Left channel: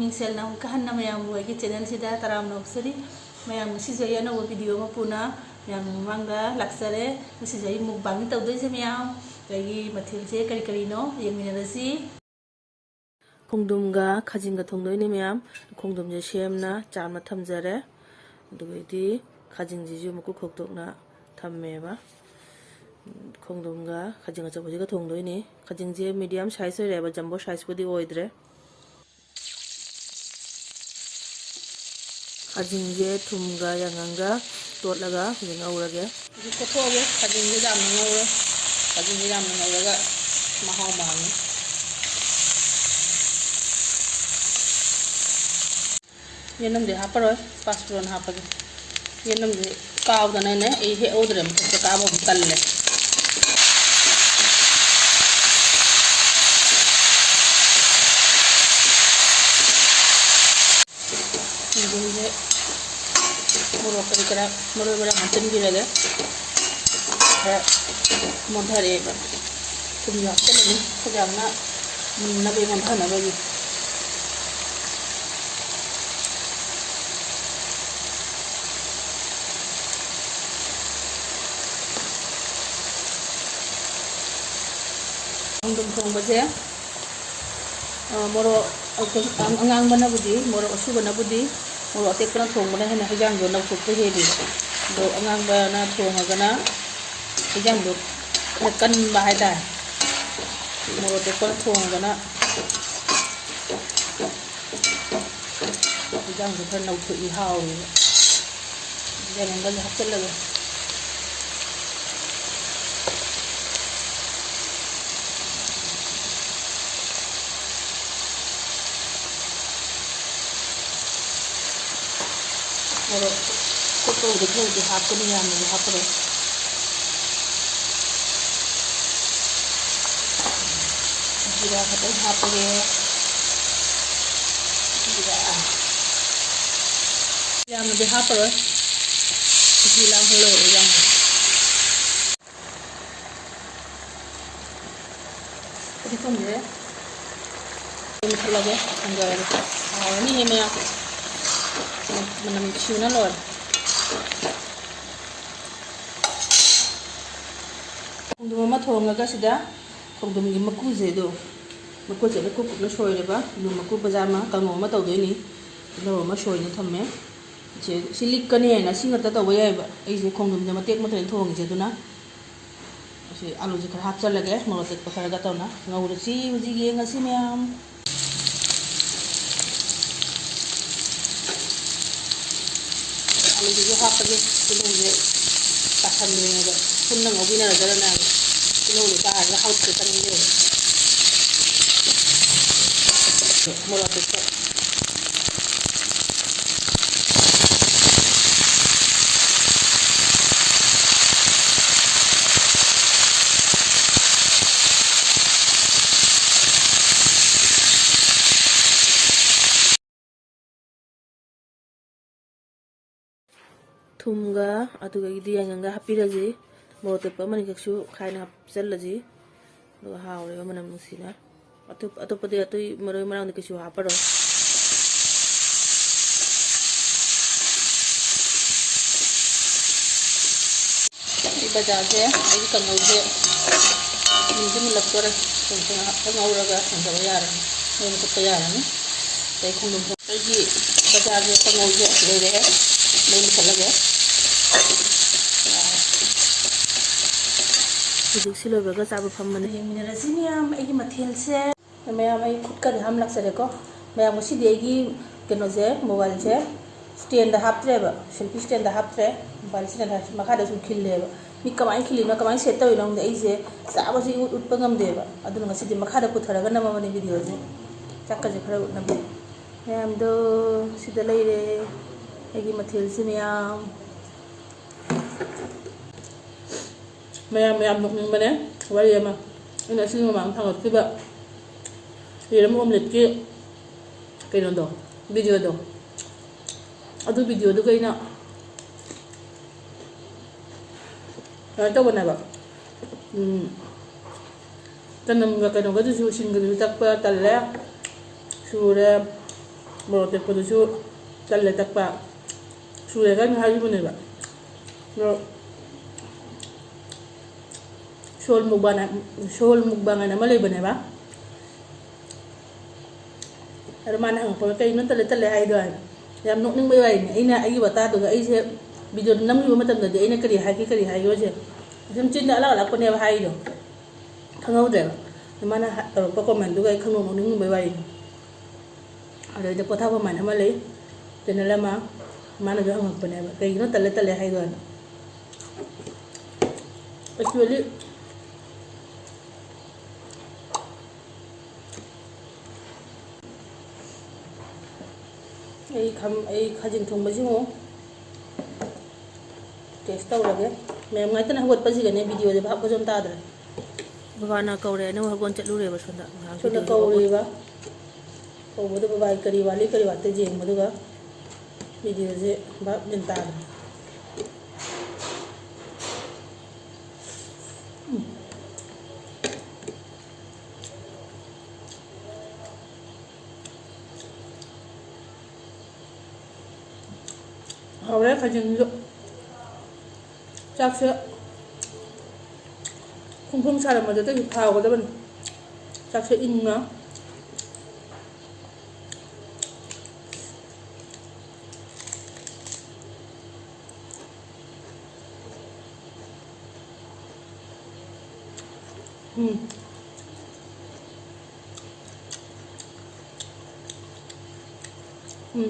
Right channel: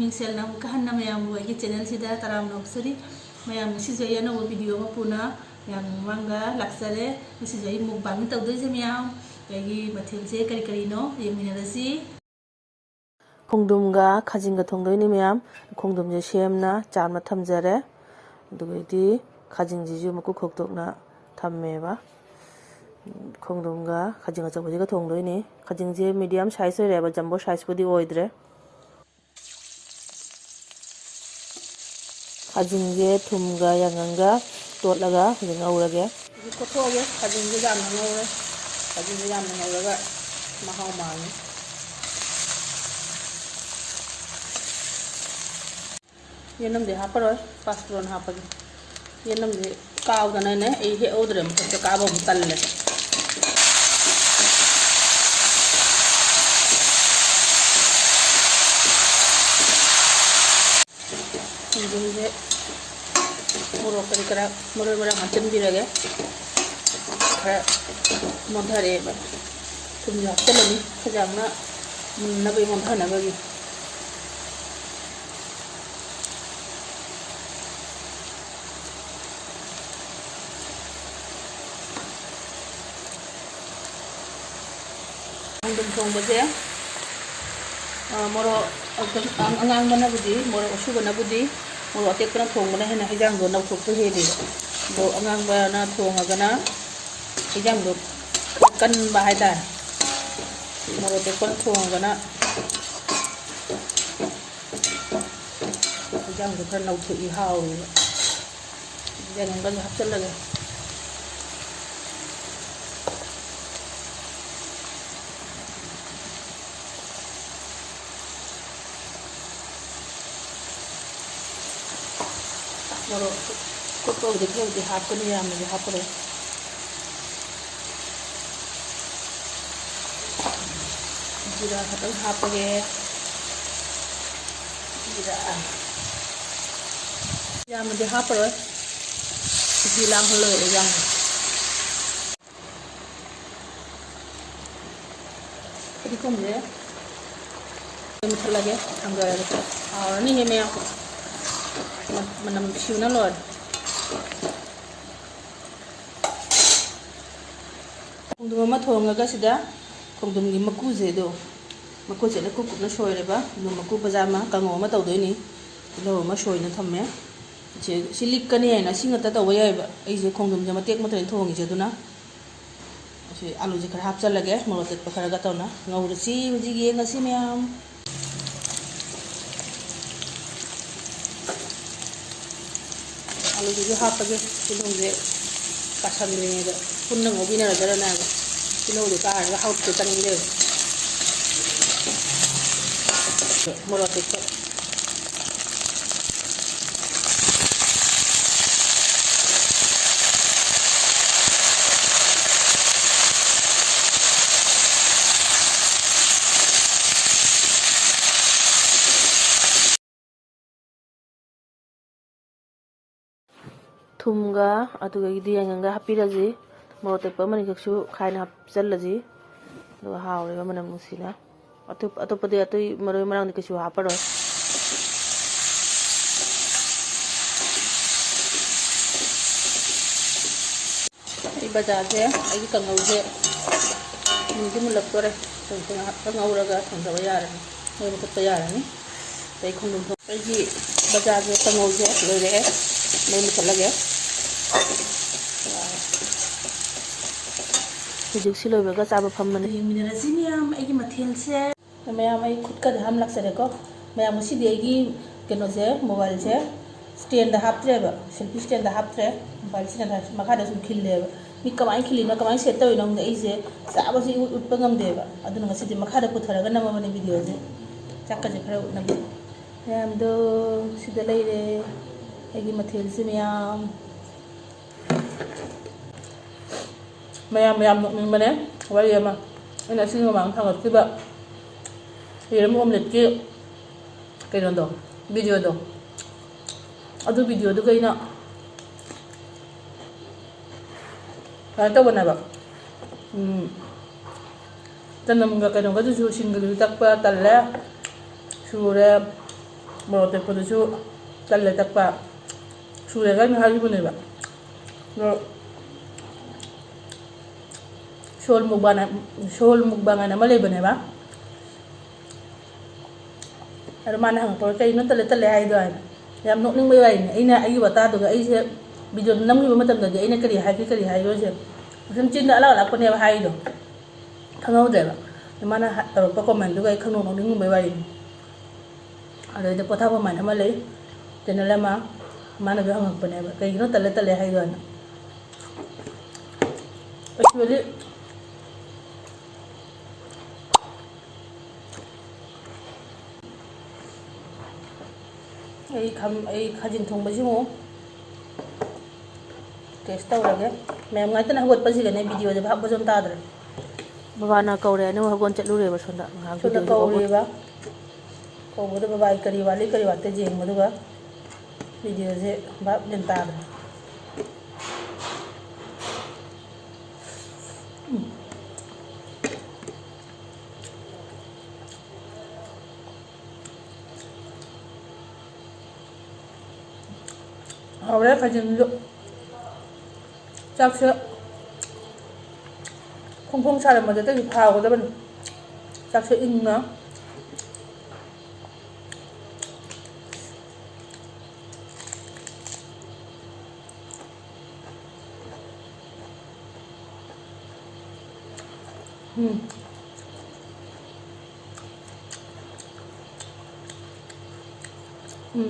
ꯃꯤꯡꯁꯦꯜꯅ ꯑꯃꯨꯛꯀ ꯍꯟꯅ ꯃꯌꯥꯝꯕꯨ ꯑꯩꯒꯤ ꯆꯦꯅꯦꯜꯁꯤꯗ ꯇꯔꯥꯝꯅ ꯑꯣꯛꯆꯔꯤ ꯃꯌꯥꯝ ꯉꯁꯤꯁꯨ ꯑꯩ ꯑꯅꯧꯕ ꯚꯤꯗꯤꯑꯣ ꯑꯃ ꯄꯨꯅ ꯃꯌꯥꯝ ꯃꯃꯥꯡꯗ ꯂꯥꯛꯆꯔꯦ ꯉꯁꯤꯁꯨ ꯑꯩ ꯃꯨꯛꯕꯥꯡ ꯇꯧꯗꯣꯏꯁꯦ ꯃꯌꯥꯝ ꯑꯩꯒꯤ ꯃꯊꯦꯜꯁꯦ ꯀꯔꯤ ꯀꯔꯤꯅꯣ ꯌꯦꯡꯃꯤꯟꯅꯔꯁꯤ ꯈꯣꯡꯗ꯭ꯔꯨꯝꯒ ꯈꯥꯖꯤꯡꯒ ꯊꯣꯡꯗꯣꯏꯅꯤ ꯃꯌꯥꯝ ꯈꯣꯡꯗ꯭ꯔꯨꯝꯁꯦ ꯁꯦꯝꯅ ꯆꯥꯝꯅ ꯊꯝꯖꯔꯦ ꯑꯗꯨꯒꯗꯤ ꯈꯥꯖꯤꯡꯁꯤꯁꯨ ꯃꯀꯨ ꯈꯣꯛꯇꯣꯛꯅ ꯊꯝꯃꯦꯕ ꯈꯣꯡꯗ꯭ꯔꯨꯝꯒ ꯈꯥꯖꯤꯡ ꯑꯆꯧꯕꯁꯤꯒ ꯊꯣꯡꯗꯣꯏꯅꯤ ꯈꯥꯖꯤꯡꯁꯦ ꯃꯤꯗꯤꯌꯝ ꯁꯥꯏꯖ ꯑꯣꯏꯔꯦꯕ ꯖꯝꯕꯣ ꯁꯥꯏꯖꯄꯨꯗꯤ ꯑꯣꯏꯗ꯭ꯔꯦ ꯈꯥꯖꯤꯡꯁꯦ ꯊꯨꯝꯒ ꯌꯥꯏꯉꯪꯒ ꯇꯣꯠꯂꯒ ꯍꯧꯖꯤꯛ ꯉꯧꯔꯒꯦ ꯍꯧꯖꯤꯛ ꯀꯣꯠꯊꯣꯛꯑꯒꯦ ꯈꯥꯖꯤꯡꯁꯦ ꯌꯥꯝꯅ ꯉꯧꯔꯦ ꯈꯥꯖꯤꯡꯁꯦ ꯌꯥꯝꯅ ꯉꯧꯔꯒ ꯃꯍꯥꯎ ꯃꯥꯡꯉꯦ ꯌꯦꯅꯝꯗꯤ ꯍꯥꯞꯄꯔꯣꯏ ꯄꯥꯁꯄꯣꯔꯟ ꯍꯥꯞꯄꯒꯦ ꯌꯦꯅꯝꯁꯦ ꯀꯥꯎꯗꯅꯅꯦ ꯑꯩ ꯍꯦꯛꯍꯧꯗ꯭ꯔꯦ ꯃꯊꯛꯇ ꯀꯥꯕ ꯑꯃꯨꯛ ꯇꯜꯂꯦ ꯈꯣꯡꯗ꯭ꯔꯨꯝꯁꯦ ꯃꯣꯔꯣꯛ ꯀꯔꯤ ꯀꯔꯥ ꯃꯔꯣꯏ ꯃꯔꯥꯡ ꯍꯥꯞꯆꯤꯟꯕꯤꯔꯒꯦ ꯈꯔ ꯃꯣꯟꯊꯔꯛꯑꯦꯕ ꯊꯨꯝꯁꯨ ꯍꯥꯞꯆꯤꯜꯂꯅꯤ ꯐꯖꯅ ꯃꯨꯟꯅꯕꯒꯤ ꯃꯣꯟꯊꯅꯕꯒꯤ ꯈꯣꯡꯗ꯭ꯔꯨꯝ ꯊꯣꯡꯕꯁꯦ ꯃꯣꯔꯣꯛ ꯑꯉꯥꯡꯕꯅꯕꯨꯗꯤ ꯃꯣꯔꯣꯛ ꯑꯁꯨꯕꯅꯕꯨꯗꯤ ꯃꯣꯔꯣꯛ ꯑꯇꯦꯛꯄꯅ ꯊꯣꯡꯕꯅ ꯍꯦꯟꯅ ꯍꯩꯖꯥꯡꯗꯣ ꯅꯧꯊꯣꯛꯄ ꯍꯦꯜꯂꯤꯕ ꯑꯗꯣ ꯑꯉꯥꯡꯕꯅ ꯊꯣꯡꯉꯒꯅ ꯍꯩꯖꯥꯡꯗꯣ ꯈꯔ ꯀꯟꯕ ꯍꯥꯏꯇꯥꯔꯦ ꯃꯣꯔꯣꯛ ꯑꯇꯦꯛꯄꯅ ꯊꯣꯡꯉꯒꯅ ꯍꯩꯖꯥꯡꯗꯣ ꯈꯔ ꯅꯧꯊꯣꯛꯏ ꯍꯥꯎꯋꯦꯕ ꯌꯥꯏꯉꯪꯒꯁꯦ ꯍꯥꯞꯆꯤꯜꯂꯒ ꯃꯣꯔꯣꯛ ꯀꯨꯞꯄꯕꯨꯗꯤ ꯈꯔꯗꯤ ꯍꯥꯞꯀꯅꯤ ꯌꯥꯝꯅꯗꯤ ꯍꯥꯞꯄꯔꯣꯏ ꯖꯤꯔꯥ ꯈꯛꯇꯪ ꯍꯥꯞꯄꯒꯦ ꯖꯤꯔꯥ ꯌꯥꯝꯅꯗꯤ ꯍꯥꯞꯄꯔꯣꯏ ꯃꯍꯤ ꯂꯥꯡꯍꯜꯂꯣꯏꯕ ꯌꯥꯝꯅ ꯐꯗꯤꯒꯣꯝꯁꯦ ꯃꯨꯊꯠꯂꯒꯦ ꯊꯥꯡꯊꯔꯒꯦ ꯍꯥꯎꯔꯅꯤꯍꯦ ꯃꯌꯥꯝ ꯃꯅꯝ ꯅꯨꯡꯁꯤꯕꯅ ꯂꯣꯏꯔꯦ ꯈꯣꯡꯗ꯭ꯔꯨꯝ ꯑꯃ ꯊꯣꯡꯉꯒ ꯁꯤꯗ ꯈꯣꯡꯗ꯭ꯔꯨꯝꯒꯤ ꯃꯀꯨꯁꯦ ꯃꯀꯨꯁꯦ ꯀꯨꯞ ꯀꯨꯞꯅ ꯁꯣꯏꯔꯦꯕ ꯑꯗꯨ ꯃꯀꯨ ꯕꯖꯥꯔ ꯑꯃ ꯀꯥꯡꯉꯧ ꯑꯃ ꯇꯧꯗꯣꯏꯅꯤ ꯇꯤꯜꯍꯧ ꯑꯃ ꯁꯣꯏꯅ ꯊꯝꯃꯦ ꯁꯤ ꯂꯤꯛꯀꯅꯤ ꯍꯥꯏꯅ ꯁꯤ ꯉꯛꯇ ꯇꯧꯕ ꯌꯥꯏꯕ ꯑꯩꯁꯦ ꯈꯣꯡꯗ꯭ꯔꯨꯝꯁꯦ ꯃꯇꯦꯛ ꯃꯇꯦꯛ ꯊꯣꯡꯉꯤꯁꯦ ꯑꯗꯨꯅ ꯁꯤ ꯑꯂꯨꯁꯦ ꯈꯔ ꯍꯥꯞꯆꯜꯂꯒꯦ ꯃꯣꯔꯣꯛ ꯑꯇꯦꯛꯄ ꯈꯔꯒ ꯇꯧꯅ ꯉꯧꯔꯁꯤ ꯍꯧꯖꯤꯛ ꯌꯦꯡꯉꯁꯤ ꯃꯌꯥꯝ ꯑꯂꯨꯁꯤꯁꯨ ꯍꯥꯞꯄꯒꯦ ꯇꯤꯜꯍꯧꯁꯦ ꯀꯥꯁꯟꯗ꯭ꯔꯤꯉꯩꯗ ꯄꯨꯟꯅ ꯉꯧꯕꯤꯅꯔꯖꯔꯅꯦꯕ ꯇꯤꯜꯍꯧꯁꯦ ꯀꯥꯔꯒ ꯍꯥꯎꯇꯦ ꯆꯥꯅꯤꯡꯗꯦꯕ ꯃꯣꯔꯣꯛ ꯑꯇꯦꯛꯄ ꯊꯨꯝꯒ ꯑꯗꯨꯒꯗꯤ ꯌꯥꯏꯉꯪꯒ ꯍꯥꯞꯄꯤꯔꯁꯤ ꯃꯣꯔꯣꯛ ꯑꯇꯦꯛꯄ ꯑꯃꯅꯤꯈꯛꯁꯨ ꯈꯥꯏꯅ ꯍꯥꯞꯆꯜꯂꯁꯤ ꯑꯗꯨꯒ ꯍꯥꯎꯔꯦꯕ ꯃꯅꯝ ꯅꯨꯡꯁꯤꯅ ꯑꯇꯣꯞꯄꯗꯤ ꯑꯇꯩ ꯃꯔꯣꯏ ꯃꯔꯥꯡꯗꯤ ꯀꯩꯁꯨ ꯍꯥꯞꯄꯔꯣꯏ ꯑꯩ ꯕꯖꯥꯔꯁꯦ ꯑꯩꯒꯤ ꯀꯥꯡꯉꯧꯁꯦ ꯃꯨꯟꯗꯤ ꯃꯨꯜꯂꯛꯇꯣꯔꯦ ꯉꯥꯏꯍꯥꯛꯇ ꯉꯧꯔꯒ ꯊꯥꯡꯊꯕ ꯌꯥꯔꯅꯤ ꯃꯩ ꯃꯨꯊꯠꯄ ꯌꯥꯔꯅꯤ ꯑꯗꯩ ꯈꯣꯡꯗ꯭ꯔꯨꯝ ꯑꯩꯒꯤ ꯕꯖꯥꯔꯁꯦ ꯀꯥꯡꯉꯧꯁꯦ ꯂꯣꯏꯔꯛꯑꯦ ꯃꯩ ꯃꯨꯊꯠꯂꯒꯦ ꯍꯧꯖꯤꯛꯁꯤ ꯂꯣꯏꯕꯒ ꯆꯥꯕ ꯐꯝꯃꯅꯤ ꯌꯦꯡꯃꯤꯟꯅꯔꯁꯤ ꯃꯌꯥꯝ ꯑꯩꯒꯤ ꯃꯊꯦꯜꯁꯦ ꯃꯌꯥꯝ ꯑꯩ ꯈꯨꯠꯀꯗꯤ ꯍꯥꯝ ꯂꯥꯛꯆꯔꯦꯀꯣ ꯃꯌꯥꯝ ꯉꯁꯤꯗꯤ ꯑꯩꯒꯤ ꯀꯩꯅꯣꯁꯦ ꯃꯣꯕꯥꯏꯜꯁꯦ ꯁ꯭ꯇꯦꯟꯗ ꯍꯥꯞꯇ꯭ꯔꯦꯕ ꯁꯦꯜꯐꯤ ꯁ꯭ꯇꯦꯟꯗ ꯍꯥꯞꯇ꯭ꯔꯦ ꯃꯣꯕꯥꯏꯜꯁꯤꯅ ꯃꯈꯥꯗꯁꯨ ꯈꯤꯜꯂꯦꯕ ꯃꯤ ꯀꯃꯥꯏꯅ ꯈꯤꯜꯂꯤꯅꯣ ꯀꯃꯥꯏꯅ ꯁꯦꯠ ꯇꯧꯔꯤꯅꯣ ꯈꯪꯗꯦ ꯑꯩꯁꯦ ꯆꯥꯕꯁꯤ ꯎꯠꯄ ꯉꯝꯗꯦꯕ ꯑꯗꯨꯅ ꯉꯁꯤꯗꯤ ꯃꯈꯥꯗ ꯄꯨꯊꯔꯒ ꯅꯝꯃꯕꯅꯤ ꯚꯤꯗꯤꯑꯣꯁꯦ ꯆꯥꯛꯀꯁꯦ ꯈꯔ ꯎꯠꯅꯕ ꯃꯌꯥꯝꯗꯣ ꯁꯤꯗ ꯂꯩꯔꯦ ꯑꯩꯒꯤ ꯃꯊꯦꯜꯁꯦ ꯃꯌꯥꯝ ꯃꯌꯥꯝ ꯅꯣꯛꯅꯤꯡꯕꯅꯦ ꯋꯥꯔꯤ ꯑꯃ ꯑꯩꯅ ꯑꯁꯤꯒꯤ ꯃꯃꯥꯡꯗ ꯊꯥꯡꯒꯠꯈꯤꯕ ꯌꯦꯔꯨꯝ ꯑꯣꯝꯂꯦꯠꯀꯤ ꯀꯩꯅꯣꯗꯣ ꯚꯤꯗꯤꯑꯣꯗꯣ ꯑꯗꯨ ꯚꯤꯗꯤꯑꯣꯗꯨꯒ ꯑꯩꯅ ꯀꯩꯅꯣ ꯇꯧꯕꯅꯦꯕ ꯆꯅꯝꯒ ꯀꯩꯅꯣꯒꯗꯨꯁꯨ ꯁꯤꯡꯒꯗꯨꯁꯨ ꯇꯛꯄ ꯇꯜꯂꯦ ꯁꯨꯔꯦ ꯃꯣꯔꯣꯛ ꯇꯦꯛꯄꯗꯨꯁꯨ ꯇꯜꯂꯦ ꯇꯛꯄ ꯁꯨꯔꯦꯒꯅ ꯍꯥꯏꯈꯤꯕꯅꯦꯕ ꯑꯗꯣ ꯁꯣꯜ ꯃꯨꯛꯕꯥꯡ ꯍꯥꯏꯅ ꯑꯃ ꯂꯩꯕꯅꯦꯕ ꯑꯗꯣ ꯃꯥꯅ ꯍꯪꯉꯛꯄ ꯀꯩꯅꯣ ꯇꯜꯂꯦ ꯍꯥꯏꯗꯣ ꯍꯥꯏꯅ ꯌꯥꯝ ꯅꯣꯛꯅꯤꯡꯕꯩ ꯋꯥꯔꯤꯅꯤ ꯑꯩꯅ ꯑꯩꯒꯤ ꯋꯥꯇꯥꯗꯨꯒ ꯑꯩꯁꯦ ꯚꯤꯗꯤꯑꯣ ꯅꯝꯈꯤꯕ ꯃꯇꯝꯗꯗꯤ ꯑꯩꯅ ꯀꯔꯤ ꯍꯥꯏꯒꯦꯁꯦ ꯁꯨꯝ ꯆꯤꯟꯗ ꯑꯂꯥꯛꯄꯅꯦꯕ ꯍꯥꯏꯗꯣ ꯈꯪꯍꯧꯗ꯭ꯔꯦꯕ ꯃꯥꯅ ꯇꯧꯔꯛꯄ ꯀꯣꯃꯦꯟꯗꯨꯒ ꯑꯩ ꯅꯣꯛꯅꯤꯡꯕꯩ ꯋꯥꯔꯤꯅꯤ ꯑꯗꯨꯗꯩꯗ ꯄꯣꯊꯥꯐꯝ ꯍꯥꯏꯅ ꯑꯃ ꯂꯩ ꯆꯦꯅꯦꯜ ꯑꯃ ꯃꯥꯅꯁꯨ ꯍꯪꯉꯛꯄꯅꯦꯕ ꯀꯩꯒꯤꯅꯣ ꯇꯜꯂꯦ ꯍꯥꯏꯗꯣ ꯍꯥꯏꯅ ꯑꯦꯛꯆꯨꯋꯦꯂꯤ ꯑꯩ ꯈꯥꯖꯤꯡ ꯊꯣꯡꯕꯁꯤꯃꯨ ꯇꯦꯁ ꯇꯧꯔꯒꯦ ꯃꯌꯥꯝ ꯉꯥꯏꯇꯅ ꯍꯧꯒꯠꯄꯁꯤꯒꯅꯦ ꯚꯤꯗꯤꯑꯣꯁꯦ ꯚꯥꯞ ꯖꯣꯝ ꯇꯥꯗ꯭ꯔꯦ ꯕꯕꯥꯅ ꯀꯧꯔꯦ ꯑꯅꯧ ꯍꯧꯒꯣꯟ ꯆꯠꯂꯨꯔꯦꯕ ꯁꯣꯝꯗ ꯀꯧꯔꯤꯕ ꯀꯧꯕꯗ ꯕꯕꯥ ꯀꯔꯤ ꯋꯥꯠꯂꯤ ꯀꯔꯤ ꯋꯥꯠꯇꯦ ꯌꯦꯡꯕꯗꯨꯒ ꯚꯤꯗꯤꯑꯣꯁꯦ ꯚꯥꯞ ꯖꯣꯝ ꯇꯥꯗ꯭ꯔꯦ ꯍꯧꯔꯦ ꯈꯥꯖꯤꯡꯁꯨ ꯆꯥꯛꯁꯦ ꯐꯣꯡ ꯁꯥꯔꯝꯕꯗꯨꯗꯒꯤ ꯍꯥꯎꯒꯗꯕꯅꯤ ꯆꯥꯛꯁꯦ ꯏꯪꯅ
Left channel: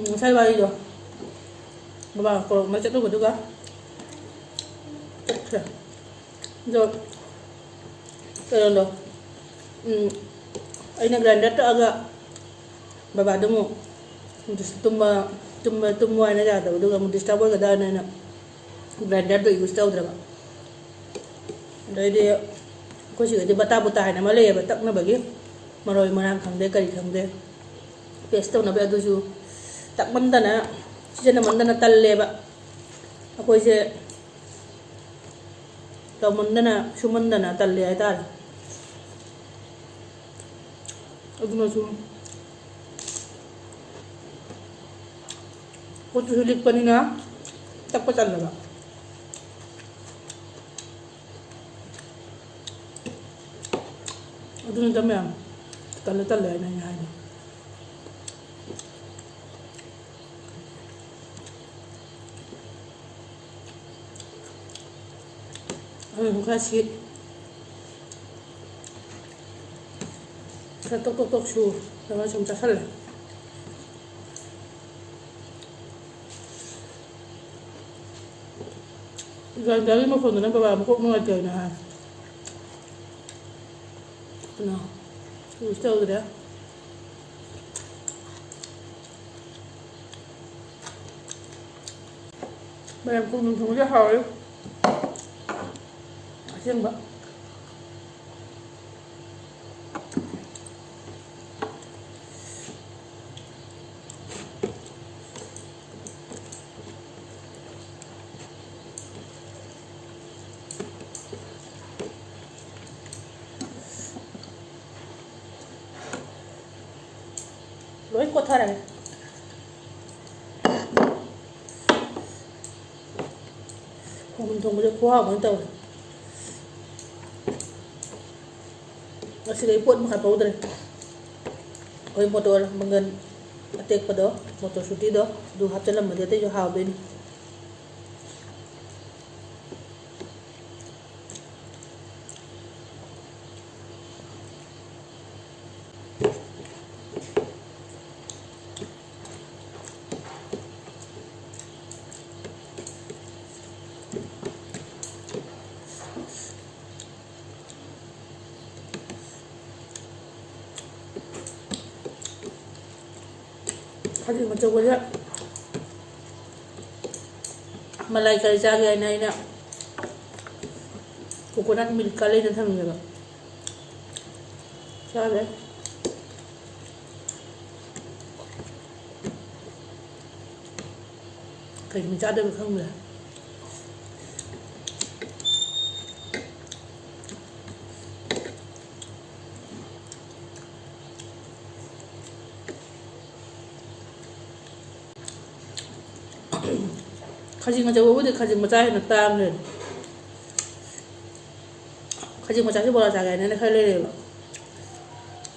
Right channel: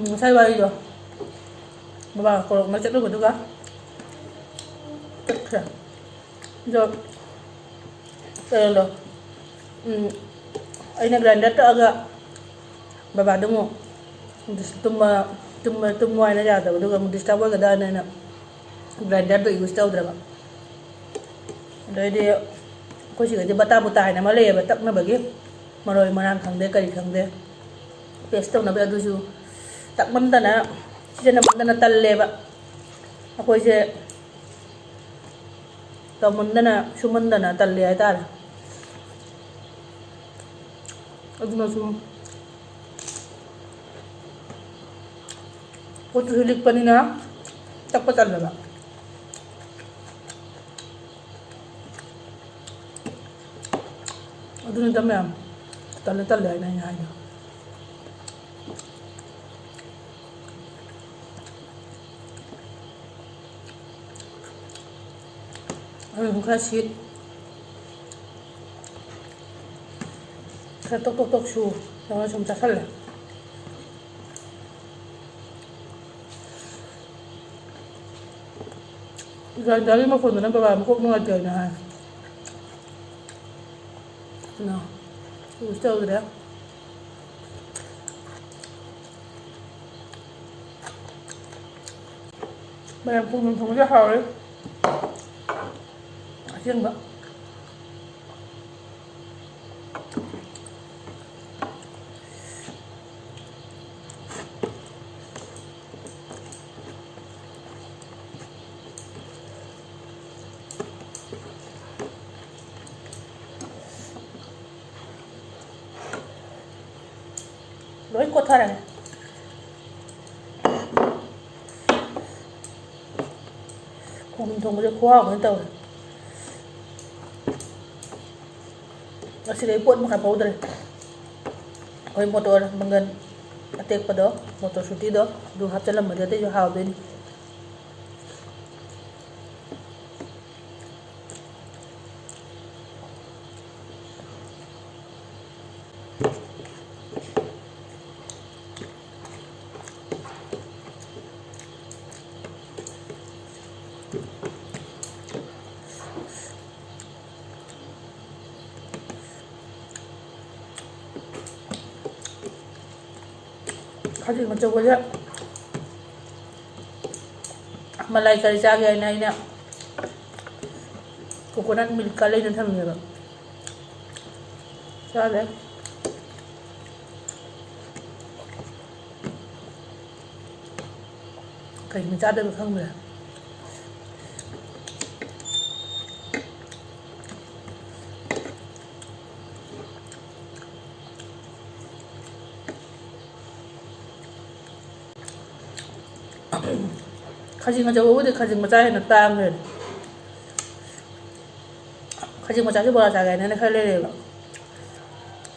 ngасai warido baba ko macet lu juga tekra jo lo aina grinder ta aga baba demo tumma aina jada duga mu disturb ga da na grinder do use tawdra ba dai ko shi ga bata buta haina ma le ba tak na bagi maroi marang khangde kari khangde paste to na ba du ju tak mandana sijana mandana talle ba akoi se to mandana sumandana talle ai tar aduna su ko tu hilik panina tak patal ba aduna damya talle ai na ai kasih tok su jangan cuma sakal lah dari mah kono na baba mo mga gay na no gusto udah bayang kung nung dia hawal asyang ba lối cột thar này mình thùng bây khoa của tàu nó sẽ lấy cuộn một hạt powder oi motor mangan atek pa do motor suti do du hap chalam madate jo haw din Kasi macam apa ya? Malai kari cagi aina ina coconut milk kali dan sama juga. Sabe? Kari macam ada bukan boleh. khajing achaw khajing macha hena tang hen khajing macha ki bora jaga ne khale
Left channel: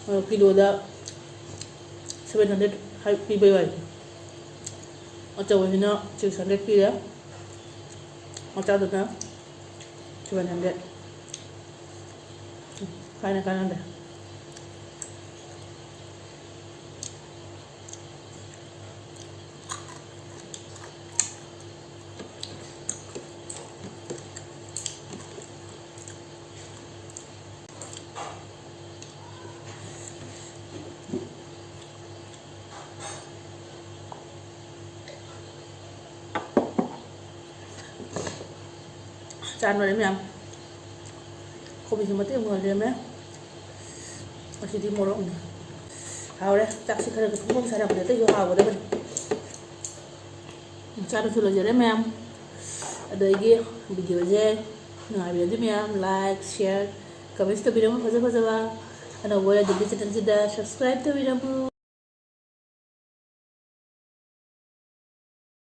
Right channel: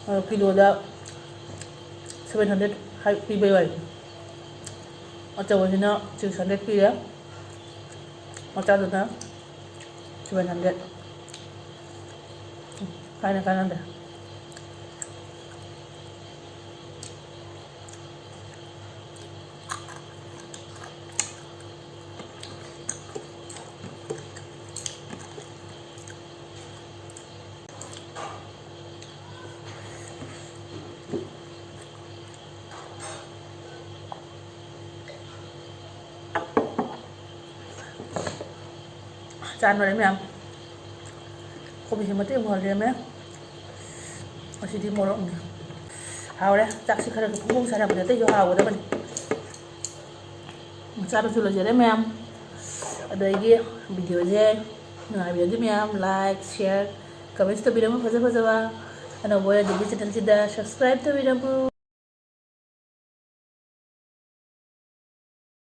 le kilo da 700 hai pi bai bai achaw hena 600 pi ya macha da na 700 kai na kanan da chan vào đấy mẹ không bị mất tiền vào đấy mẹ ở chỉ đi mua rộng hào đấy chắc sẽ khơi cũng không sai được để tới vô hào của đấy mình chan được rồi đấy mẹ ở đây kia video gì người video mẹ like share comment video mà phơi phơi vào anh nào vui thì channel subscribe to video